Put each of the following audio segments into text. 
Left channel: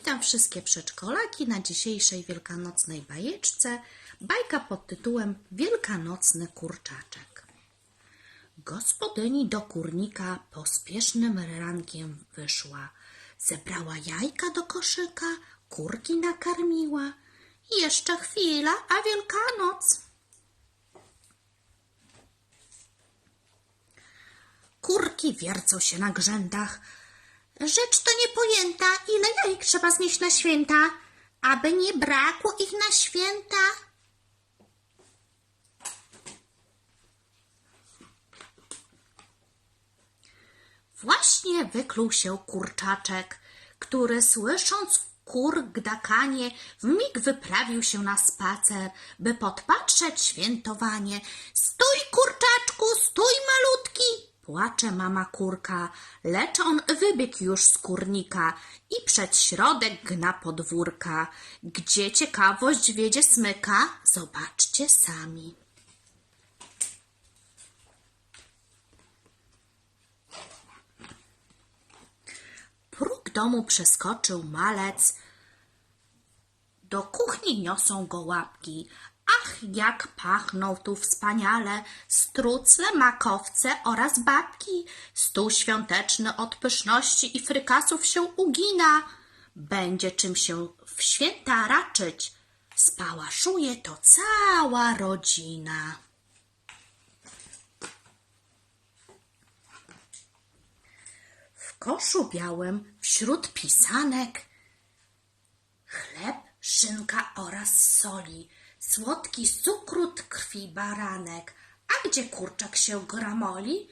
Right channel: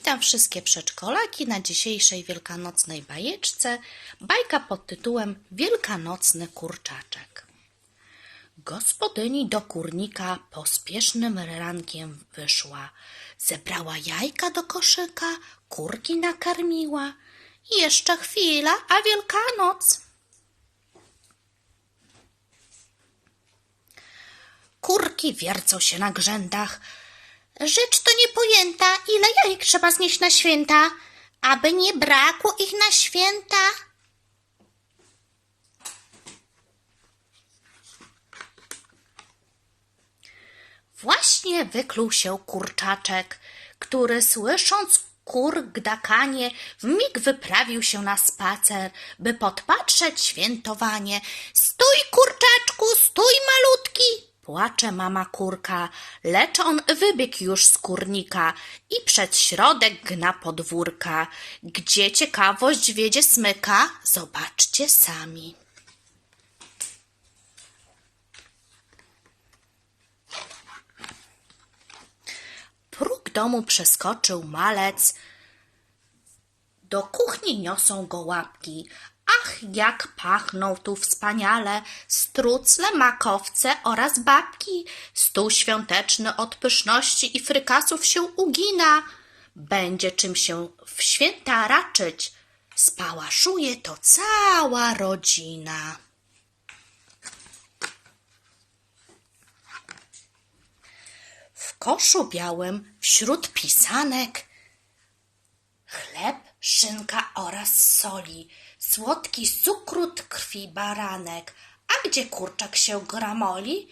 Witam wszystkie przedszkolaki na dzisiejszej wielkanocnej bajeczce. Bajka pod tytułem Wielkanocny kurczaczek. Gospodyni do kurnika pospiesznym rankiem wyszła. Zebrała jajka do koszyka, kurki nakarmiła. Jeszcze chwila, a Wielkanoc. Kurki wiercą się na grzędach. Rzecz to niepojęta, ile jajek trzeba znieść na święta, aby nie brakło ich na święta. Właśnie wykluł się kurczaczek, który słysząc kur gdakanie, w mig wyprawił się na spacer, by podpatrzeć świętowanie. Stój, kurczaczku, stój, malutki! Płacze mama kurka, lecz on wybiegł już z kurnika i przed środek gna podwórka. Gdzie ciekawość wiedzie smyka, zobaczcie sami. Próg domu przeskoczył malec. Do kuchni niosą go łapki. Ach, jak pachną tu wspaniale strucle, makowce oraz babki. Stół świąteczny od pyszności i frykasów się ugina. Będzie czym się w święta raczyć. Spałaszuje to cała rodzina. W koszu białym wśród pisanek chleb, szynka oraz soli, słodki cukru krwi baranek. A gdzie kurczak się gramoli?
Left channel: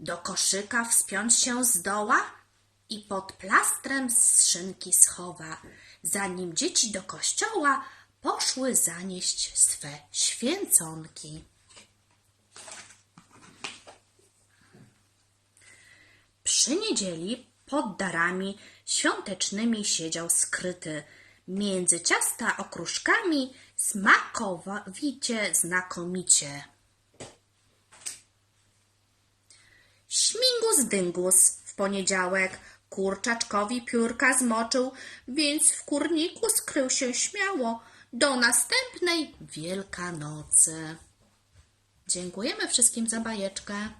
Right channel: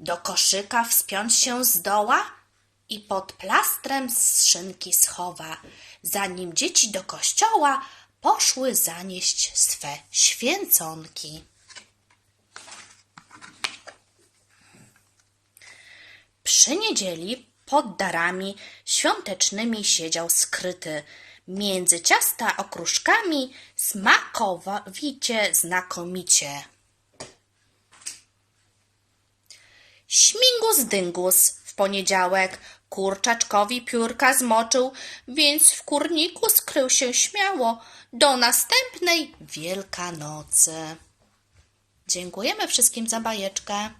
Do koszyka wspiąć się zdoła i pod plastrem z szynki schowa. Zanim dzieci do kościoła poszły zanieść swe święconki. Przy niedzieli pod darami świątecznymi siedział skryty. Między ciasta okruszkami smakowicie znakomicie. Śmigus dyngus w poniedziałek kurczaczkowi piórka zmoczył, więc w kurniku skrył się śmiało do następnej Wielkanocy. Dziękujemy wszystkim za bajeczkę.